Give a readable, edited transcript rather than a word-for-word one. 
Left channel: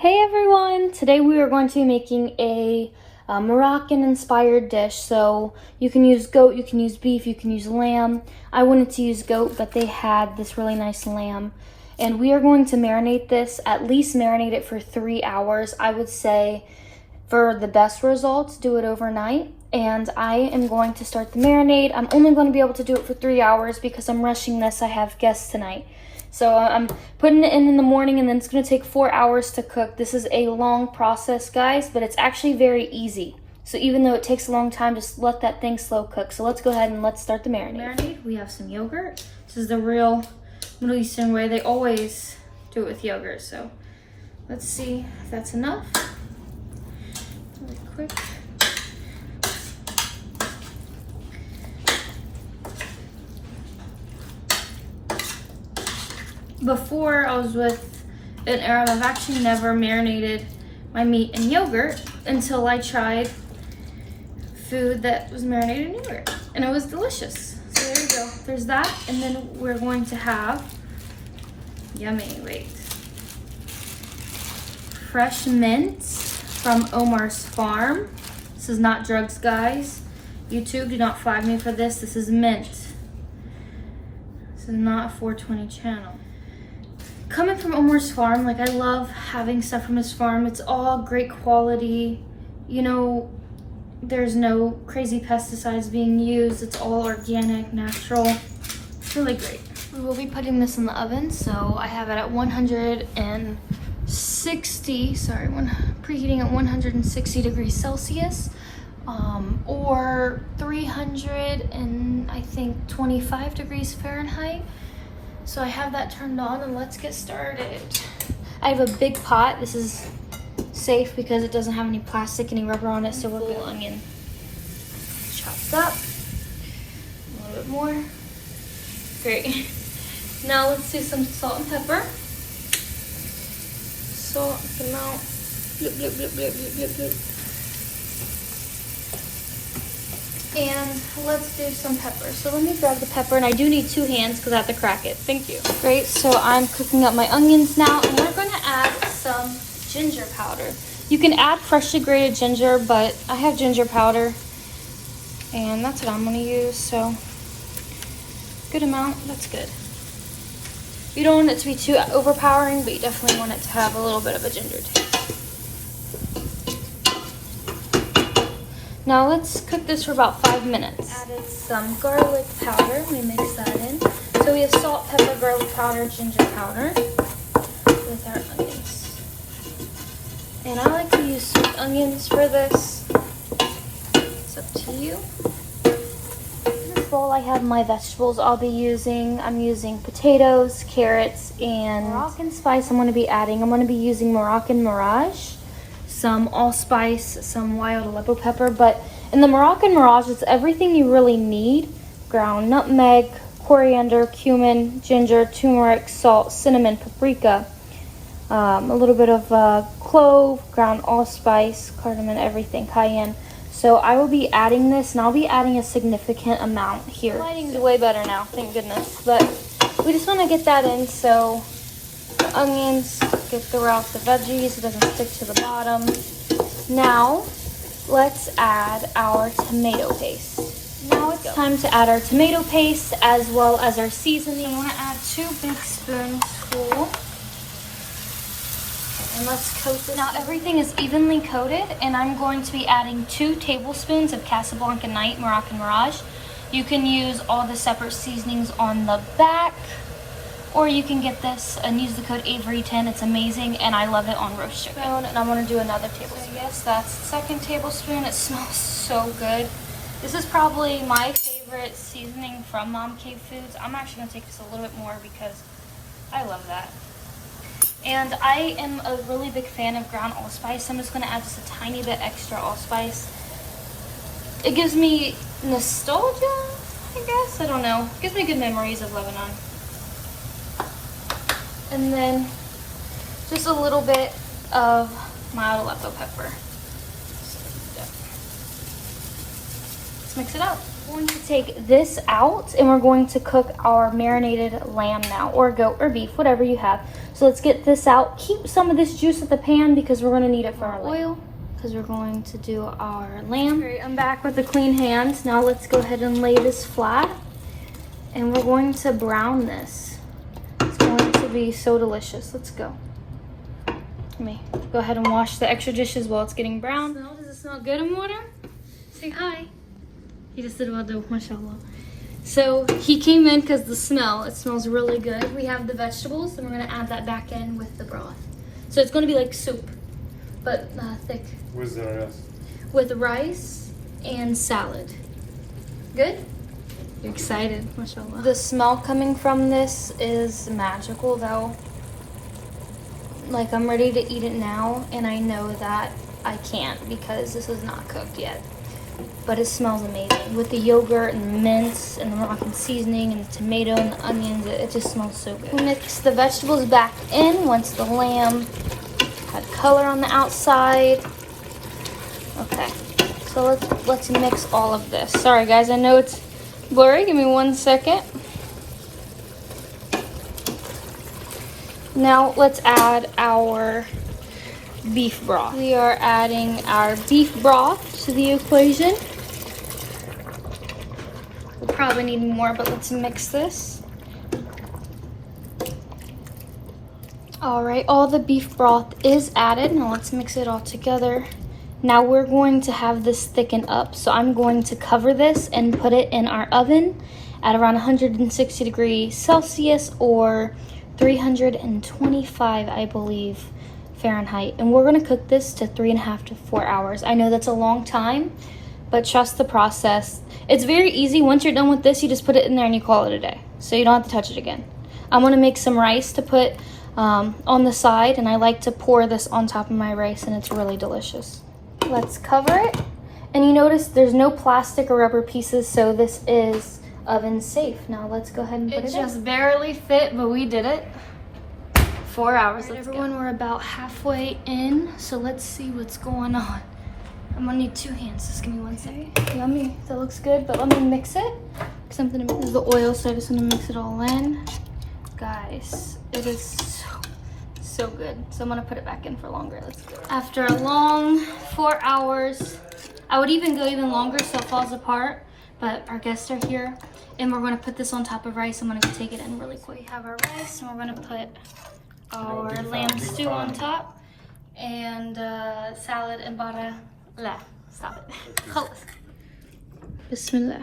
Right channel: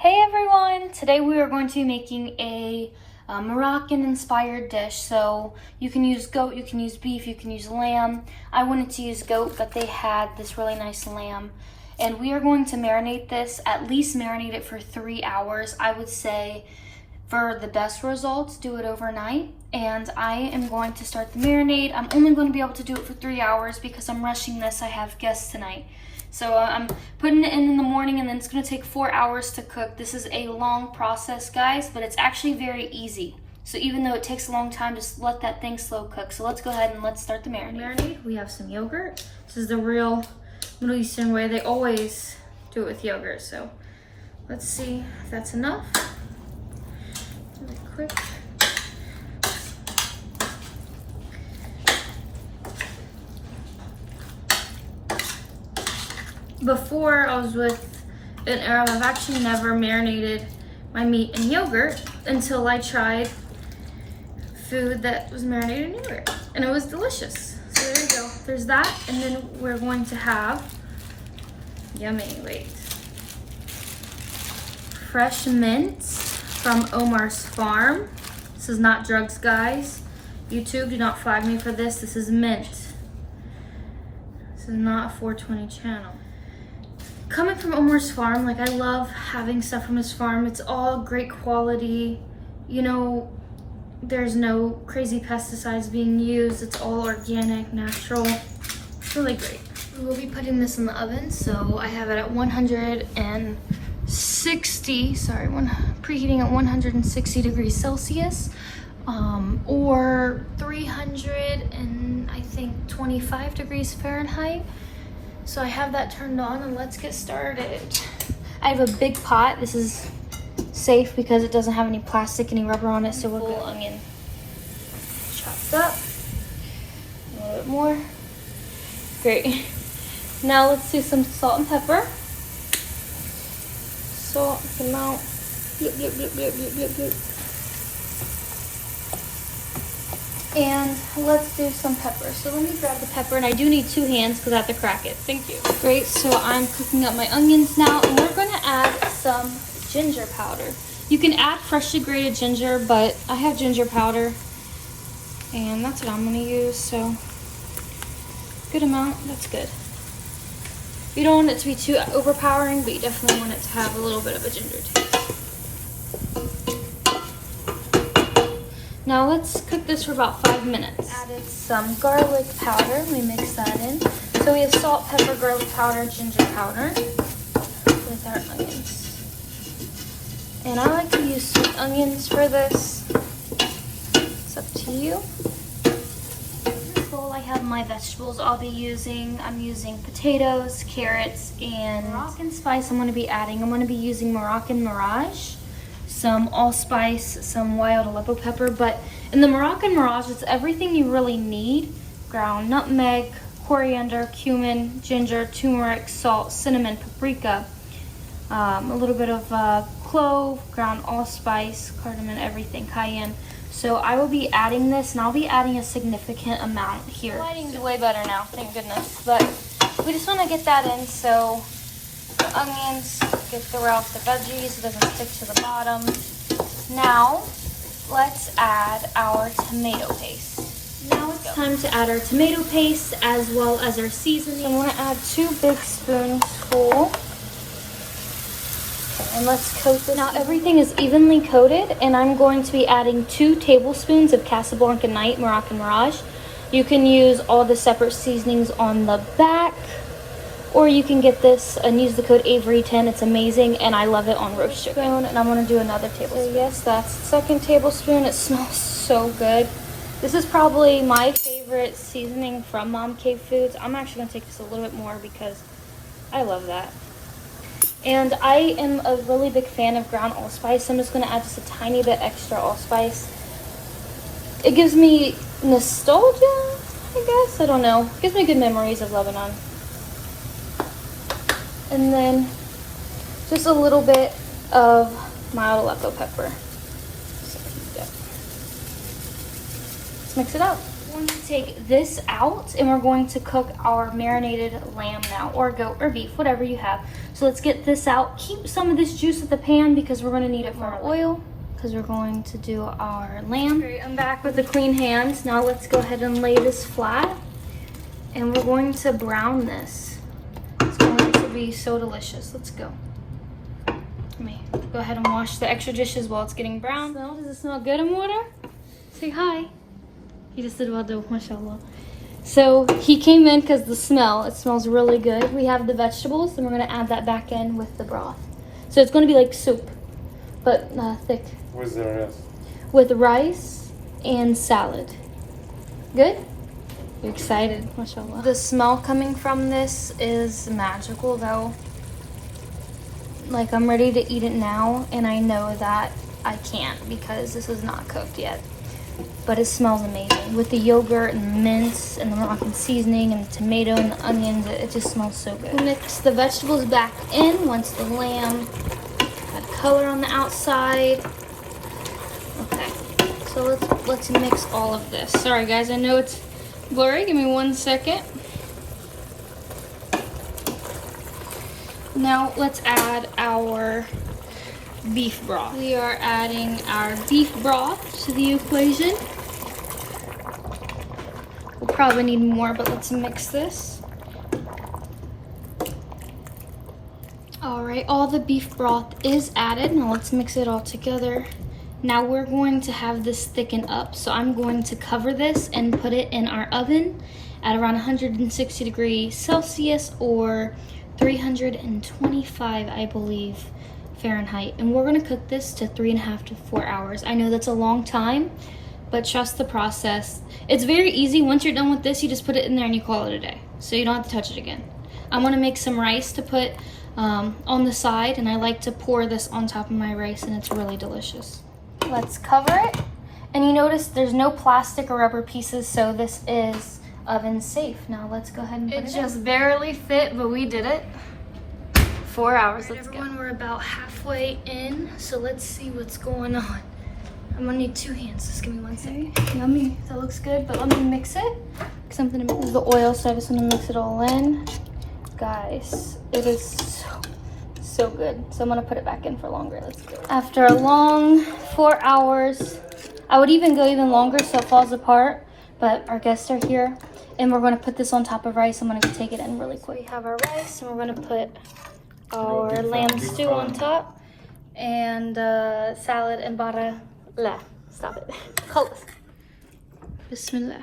Hey everyone! Today we are going to be making a Moroccan inspired dish. So you can use goat, you can use beef, you can use lamb. I wanted to use goat, but they had this really nice lamb. And we are going to marinate this, at least marinate it for 3 hours. I would say for the best results, do it overnight. And I am going to start the marinade. I'm only going to be able to do it for 3 hours because I'm rushing this. I have guests tonight. So I'm putting it in the morning, and then it's going to take 4 hours to cook. This is a long process, guys, but it's actually very easy. So even though it takes a long time, just let that thing slow cook. So let's go ahead and let's start the marinade. We have some yogurt. This is the real Middle Eastern way. They always do it with yogurt. So let's see if that's enough. Really quick. Before I was with an Arab, I've actually never marinated my meat in yogurt until I tried food that was marinated in yogurt, and it was delicious. So there you go. There's that, and then we're going to have, yummy, wait, fresh mint from Omar's farm. This is not drugs, guys. YouTube, do not flag me for this. This is mint. This is not a 420 channel. Coming from Omar's farm, like, I love having stuff from his farm. It's all great quality. You know, there's no crazy pesticides being used. It's all organic, natural. It's really great. We will be putting this in the oven, so I have it at 160, preheating at 160 degrees Celsius, or 300 and I think 25 degrees Fahrenheit. So I have that turned on, and let's get started. I have a big pot. This is safe because it doesn't have any plastic, any rubber on it, so we're good. Onion chopped up. A little bit more. Great. Now let's do some salt and pepper. Salt, amount. Blip, blip, blip, blip, blip, blip, blip. And let's do some pepper. So let me grab the pepper, and I do need 2 hands because I have to crack it. Thank you. Great, so I'm cooking up my onions now, and we're gonna add some ginger powder. You can add freshly grated ginger, but I have ginger powder, and that's what I'm gonna use, so good amount, that's good. You don't want it to be too overpowering, but you definitely want it to have a little bit of a ginger taste. Now let's cook this for about 5 minutes. Added some garlic powder. Let me mix that in. So we have salt, pepper, garlic powder, ginger powder with our onions. And I like to use sweet onions for this. It's up to you. In this bowl I have my vegetables I'll be using. I'm using potatoes, carrots, and Moroccan spice I'm going to be adding. I'm going to be using Moroccan Mirage, some allspice, some wild Aleppo pepper, but in the Moroccan Mirage, it's everything you really need. Ground nutmeg, coriander, cumin, ginger, turmeric, salt, cinnamon, paprika, a little bit of clove, ground allspice, cardamom, everything, cayenne. So I will be adding this, and I'll be adding a significant amount here. Lighting's way better now, thank goodness. But we just want to get that in, so onions, get the rest of the veggies, it doesn't stick to the bottom. Now, let's add our tomato paste. Now it's time to add our tomato paste as well as our seasoning. I'm going to add 2 big spoons full. And let's coat this. Now everything is evenly coated, and I'm going to be adding 2 tablespoons of Casablanca Night Moroccan Mirage. You can use all the separate seasonings on the back, or you can get this and use the code Avery10. It's amazing, and I love it on roast chicken. And I'm going to do another tablespoon. So yes, that's the 2nd tablespoon. It smells so good. This is probably my favorite seasoning from Mom Cave Foods. I'm actually going to take this a little bit more because I love that. And I am a really big fan of ground allspice. I'm just going to add just a tiny bit extra allspice. It gives me nostalgia, I guess. I don't know. It gives me good memories of Lebanon. And then just a little bit of mild Aleppo pepper. So let's mix it up. We're going to take this out and we're going to cook our marinated lamb now, or goat or beef, whatever you have. So let's get this out. Keep some of this juice at the pan because we're going to need it for our oil, because we're going to do our lamb. Okay, I'm back with the clean hands. Now let's go ahead and lay this flat and we're going to brown this. It's going to be so delicious. Let's go. Let me go ahead and wash the extra dishes while it's getting brown. Does it smell good in water? Say hi. He just did wado, mashallah. So he came in because the smell, it smells really good. We have the vegetables and we're gonna add that back in with the broth. So it's gonna be like soup, but thick. Where's the rice? With rice and salad. Good? I'm excited, mashallah. The smell coming from this is magical though. Like I'm ready to eat it now and I know that I can't because this is not cooked yet. But it smells amazing with the yogurt and the mince and the Moroccan seasoning and the tomato and the onions. It just smells so good. Mix the vegetables back in once the lamb had color on the outside. Okay, so let's mix all of this. Sorry guys, I know it's blurry. Give me 1 second. Now let's add our beef broth. We are adding our beef broth to the equation. We'll probably need more, but let's mix this. All right, all the beef broth is added. Now let's mix it all together. Now we're going to have this thicken up. So I'm going to cover this and put it in our oven at around 160 degrees Celsius or 325, I believe, Fahrenheit. And we're gonna cook this to 3.5 to 4 hours. I know that's a long time, but trust the process. It's very easy. Once you're done with this, you just put it in there and you call it a day. So you don't have to touch it again. I'm gonna make some rice to put on the side, and I like to pour this on top of my rice, and it's really delicious. Let's cover it. And you notice there's no plastic or rubber pieces, so this is oven safe. Now let's go ahead and put it in. It just barely fit, but we did it. 4 hours, let's go. Everyone, we're about halfway in, so let's see what's going on. I'm gonna need 2 hands, just give me 1 second. Yummy, that looks good, but let me mix it. Something to mix the oil, so I just wanna mix it all in. Guys, it is so good. So I'm gonna put it back in for longer, let's go. After a long 4 hours, I would even go even longer so it falls apart, but our guests are here, and we're gonna put this on top of rice. I'm gonna take it in really quick. We have our rice, and we're gonna put our lamb stew on top, and salad and bada. La, stop it. Khalas. Bismillah.